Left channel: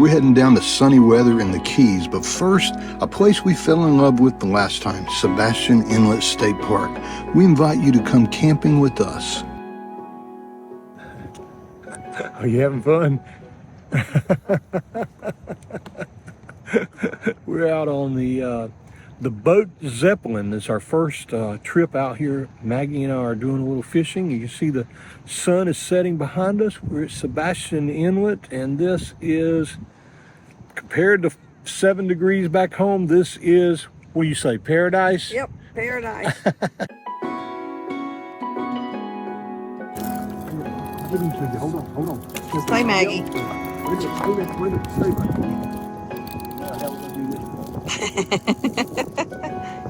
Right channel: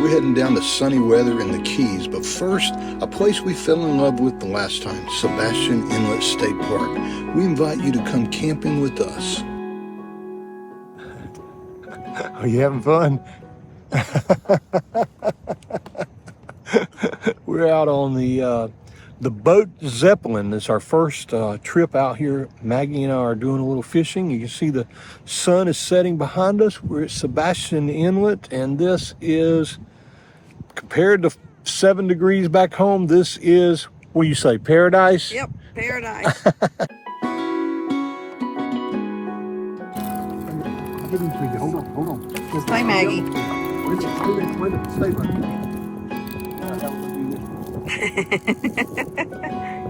We're heading down to sunny weather in the Keys, but first, a place we fell in love with the last time, Sebastian Inlet State Park. We invite you to come camping with us. Are you having fun? We're out on the Bote Zeppelin. It's our first trip out here. Maggie and I are doing a little fishing. You can see the sun is setting behind us. We're at Sebastian Inlet, and this is, compared to 7 degrees back home, this is, what do you say, paradise? Yep, paradise. Hold on. Stay, Maggie. Wait stay right.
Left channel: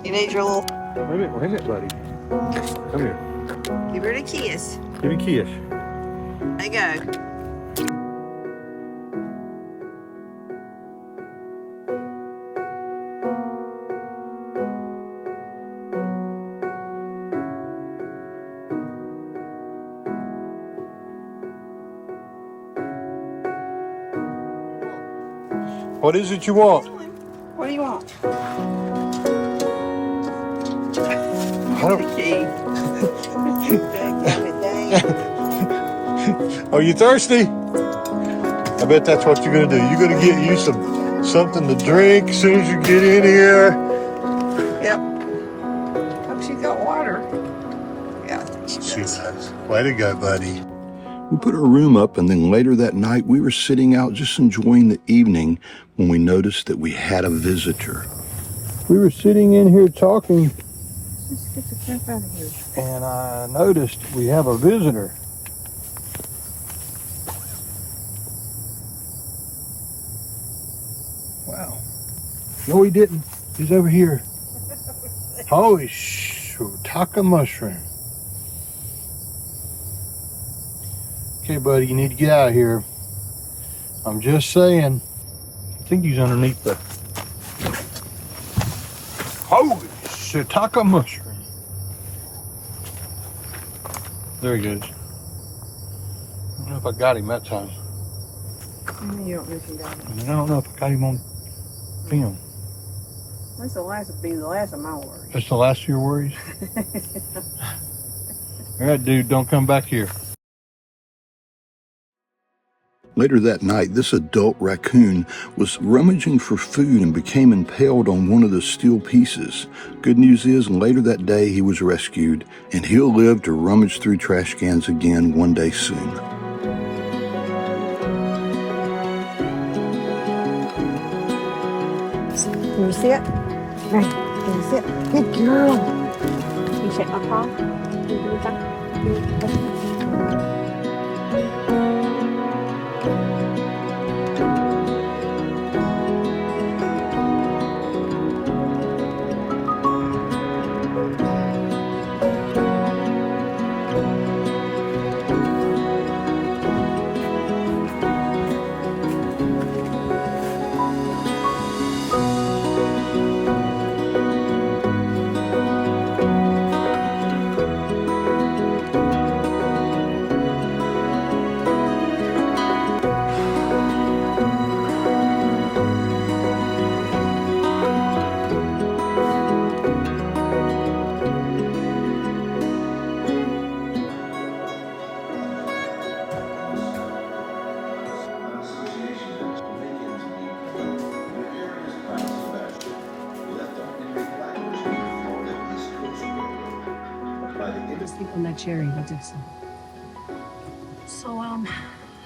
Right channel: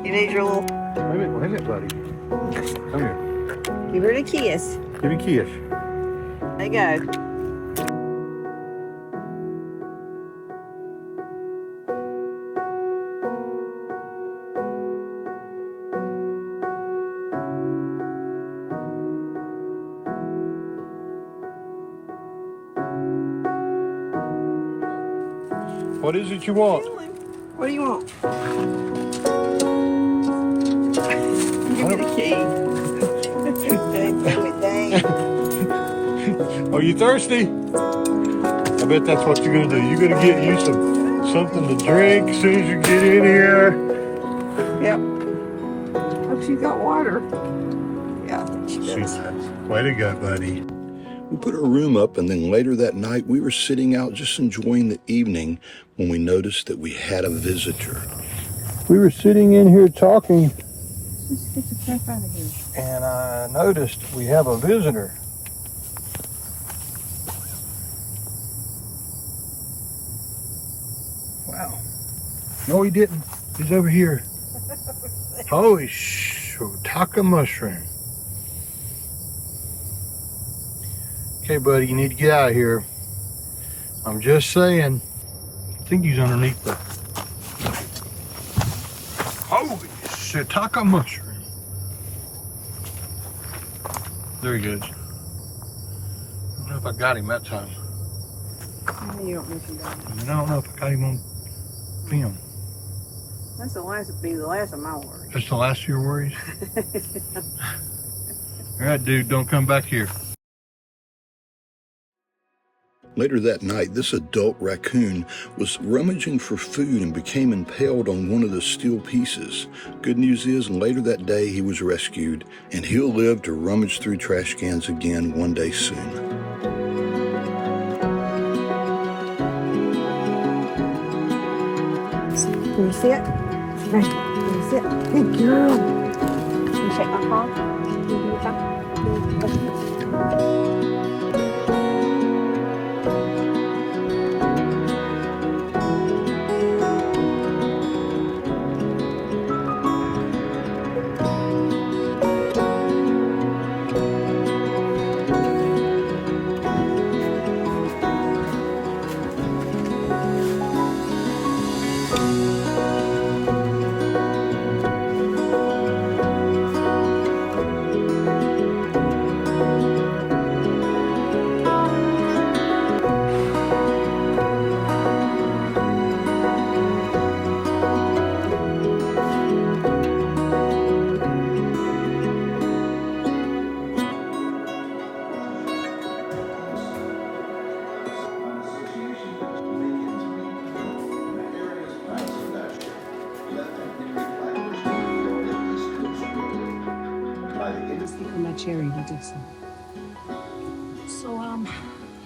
You need your little... Wait a minute, buddy. Come here. Give it a kiss. Give me a kiss. There you go. What is it you want? What do you want? Give me the key. Are you thirsty? I bet that's what you're gonna do. You're gonna get you something to drink as soon as you get in here. Yep. Hope she's got water. Yeah. She does. Way to go, buddy. We put our room up, and then later that night, we were sitting out just enjoying the evening when we noticed that we had a visitor. We were sitting in here talking, Let's get the crap out of here. and I noticed we have a visitor. Wow. No, he didn't. He's over here. Holy shiitake mushroom. Okay, buddy, you need to get out of here. I'm just saying. I think he's underneath the... Holy shiitake mushroom. There he goes. I don't know if I got him that time. You don't think you got it. I don't know if I got him on film. That's the last of my worries. That's the last of your worries? All right, dude, don't come back here. Later that night, this adult raccoon was rummaging for food and became impaled on one of the steel pieces. Good news is, later that day, he was rescued, and he'll live to rummage through trash cans again one day soon. Can you see it? Right. Can you see it? Good girl. Can you shake my paw? Can you do that? On that cherry, what did say? So,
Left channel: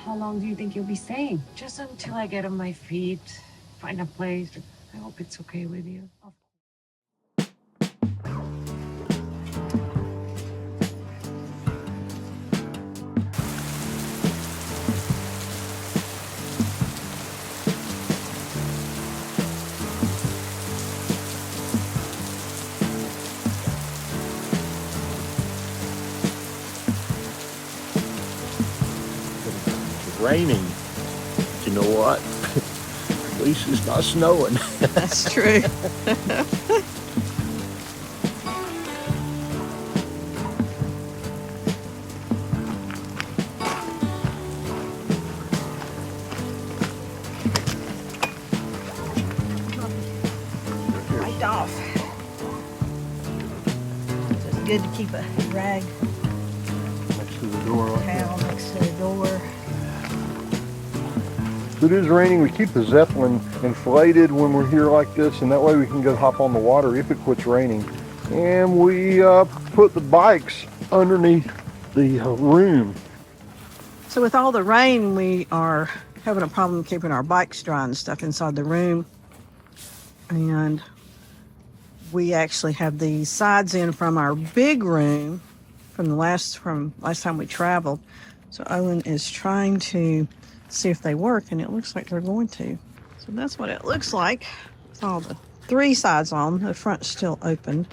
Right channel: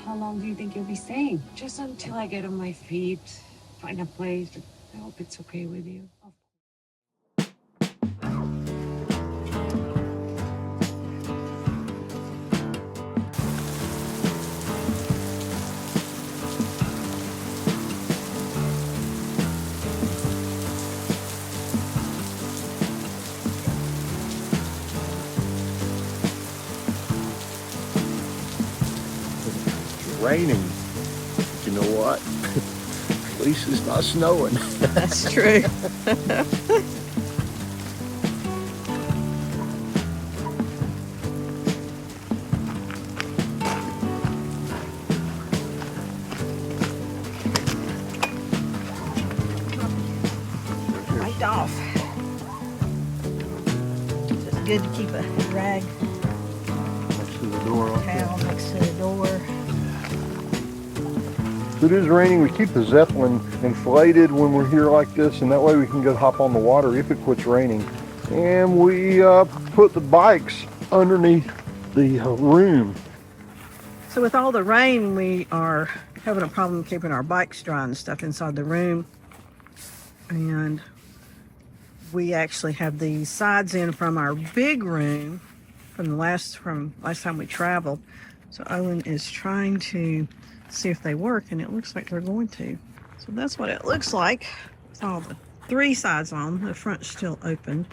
how long do you think you'll be staying? Just until I get on my feet, find a place. I hope it's okay with you. Raining. You know what? At least it's not snowing. That's true. off. So it's good to keep a rag Next to the door. Like towel next to the door. If it is raining, we keep the Zeppelin inflated when we're here like this, and that way we can go hop on the water if it quits raining. And we put the bikes underneath the room. So with all the rain, we are having a problem keeping our bikes dry and stuff inside the room. And we actually have the sides in from our big room from last time we traveled. So Owen is trying to see if they work, and it looks like they're going to. So that's what it looks like with all the 3 sides on. The front's still open.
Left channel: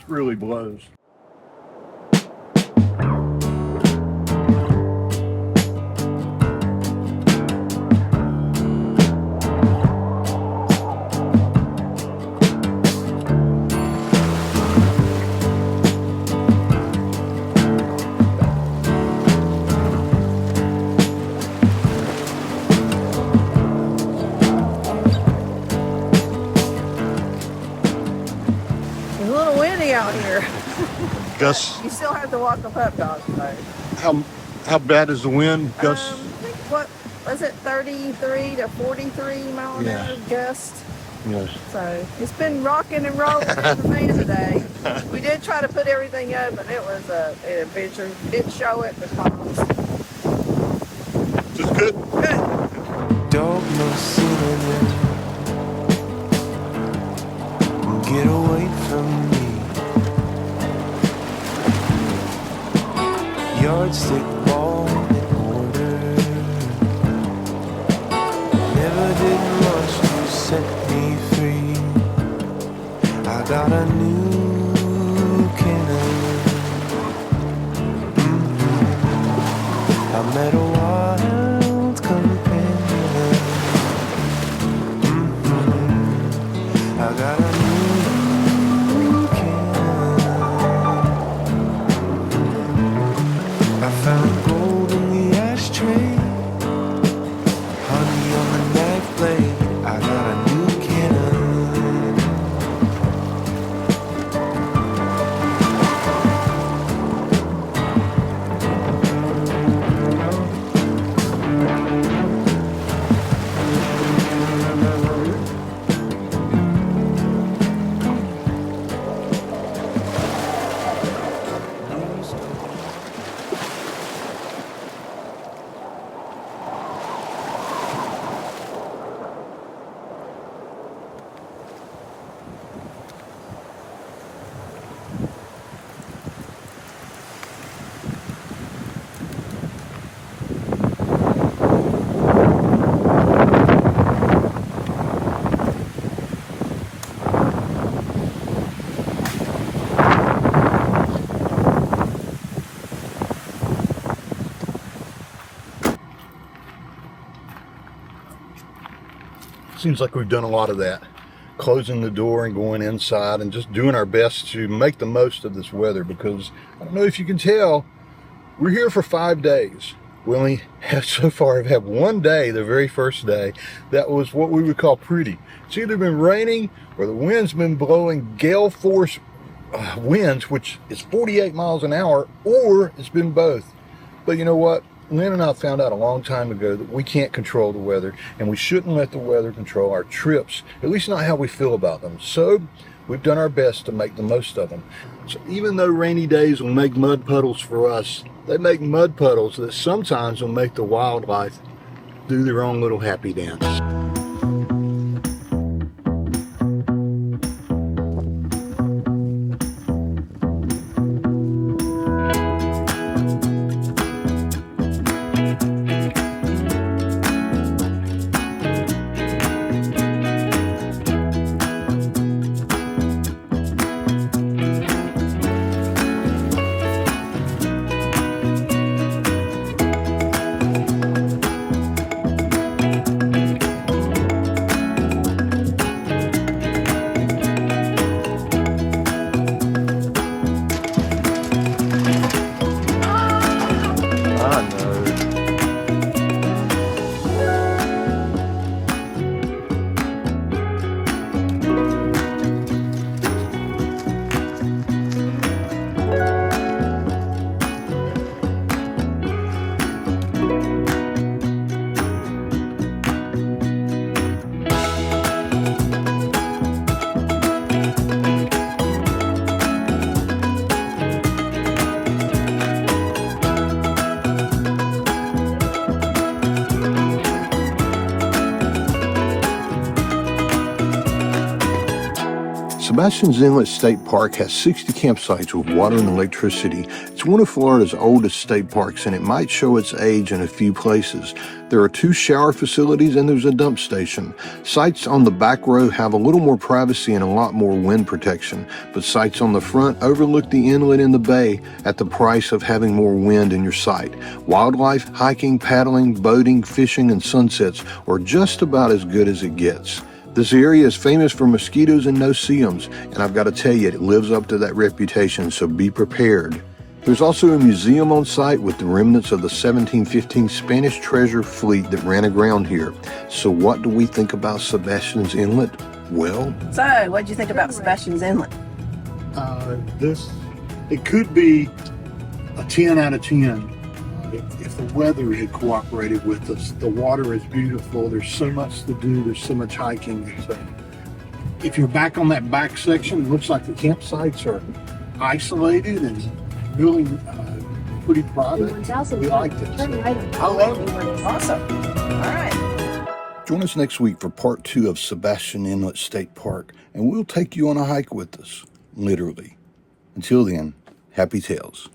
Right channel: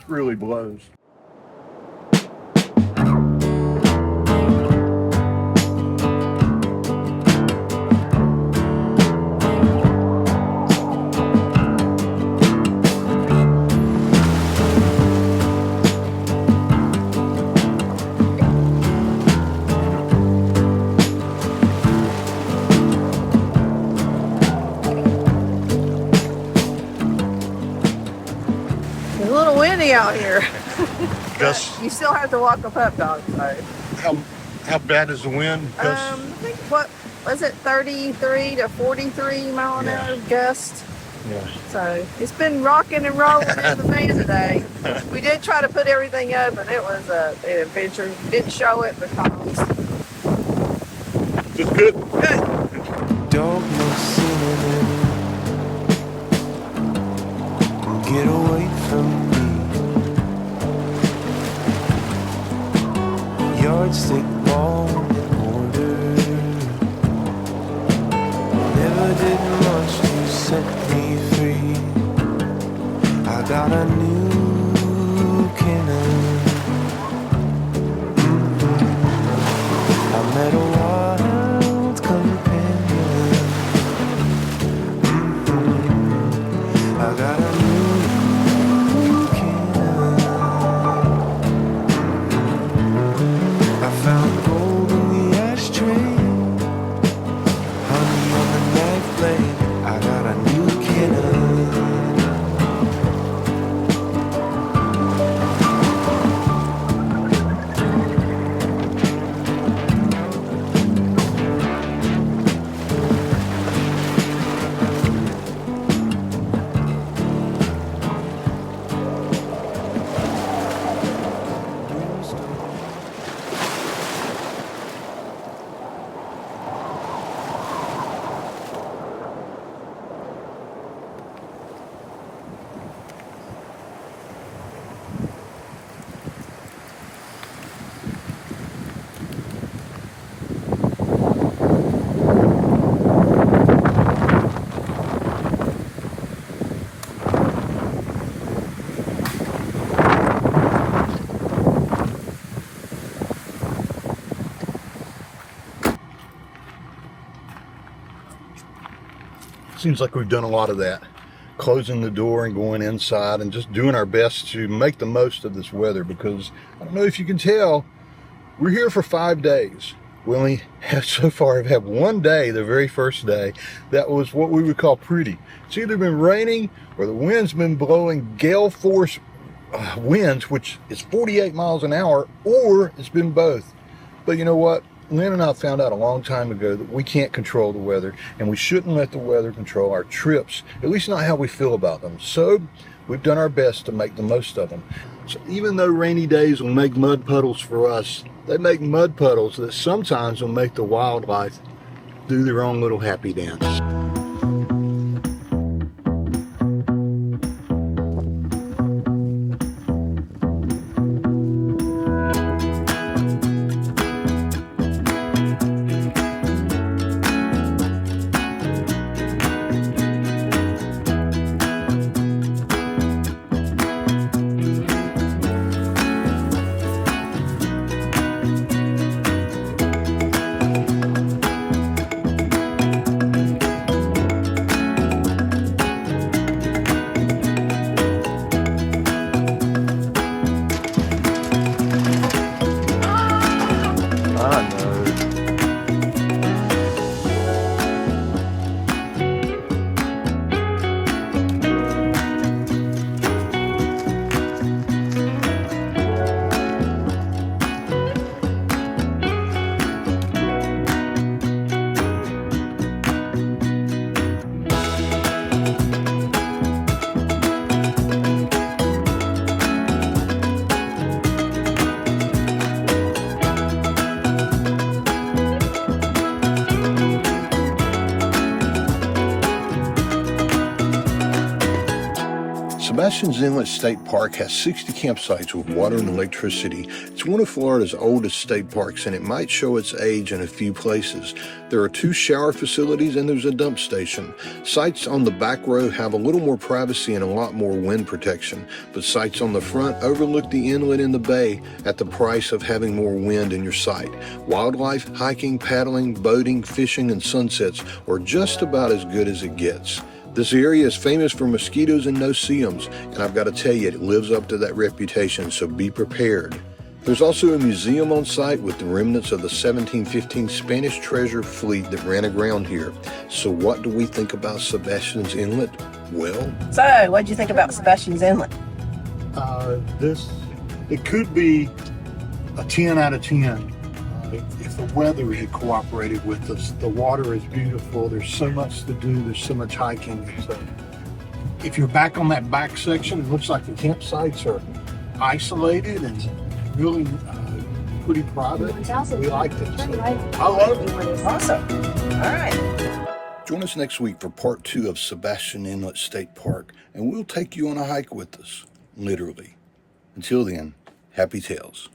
It really blows. It's a little windy out here. Gus, You still have to walk a pup dog, so. how bad is the wind, Gus? I think, what was it, 33 to 43 mile an hour gust? Yes. So it's been rocking and rolling in the van today. We did try to put everything up, and it was an adventure. Didn't show it because. Just good. Dog no sooner than get away from me. Yardstick ball in order. Never did much to set me free. I got a new cannon. I met a wild companion. I got a new cannon. I found gold in the ashtray, honey on the knife blade. I got a new cannon. Seems like we've done a lot of that, closing the door and going inside and just doing our best to make the most of this weather, because I don't know if you can tell, we're here for 5 days. We only have so far have had 1 day, the very first day, that was what we would call pretty. It's either been raining or the wind's been blowing gale force winds, which is 48 miles an hour, or it's been both. But you know what? Lynn and I found out a long time ago that we can't control the weather, and we shouldn't let the weather control our trips, at least not how we feel about them. So we've done our best to make the most of them. So even though rainy days will make mud puddles for us, they make mud puddles that sometimes will make the wildlife do their own little happy dance. Sebastian Inlet State Park has 60 campsites with water and electricity. It's one of Florida's oldest state parks, and it might show its age in a few places. There are 2 shower facilities and there's a dump station. Sites on the back row have a little more privacy and a lot more wind protection, but sites on the front overlook the inlet and the bay at the price of having more wind in your site. Wildlife, hiking, paddling, boating, fishing, and sunsets are just about as good as it gets. This area is famous for mosquitoes and no-see-ums, and I've got to tell you, it lives up to that reputation, so be prepared. There's also a museum on site with the remnants of the 1715 Spanish treasure fleet that ran aground here. So what do we think about Sebastian's Inlet? Well... So, what did you think about Sebastian's Inlet? It could be a 10 out of 10 if the weather had cooperated with us. The water is beautiful. There's so much to do. There's so much hiking. If you're back on that back section, it looks like the campsites are isolated and really pretty private. We like it. Awesome. All right. Join us next week for part 2 of Sebastian Inlet State Park, and we'll take you on a hike with us, literally. Until then, happy tales.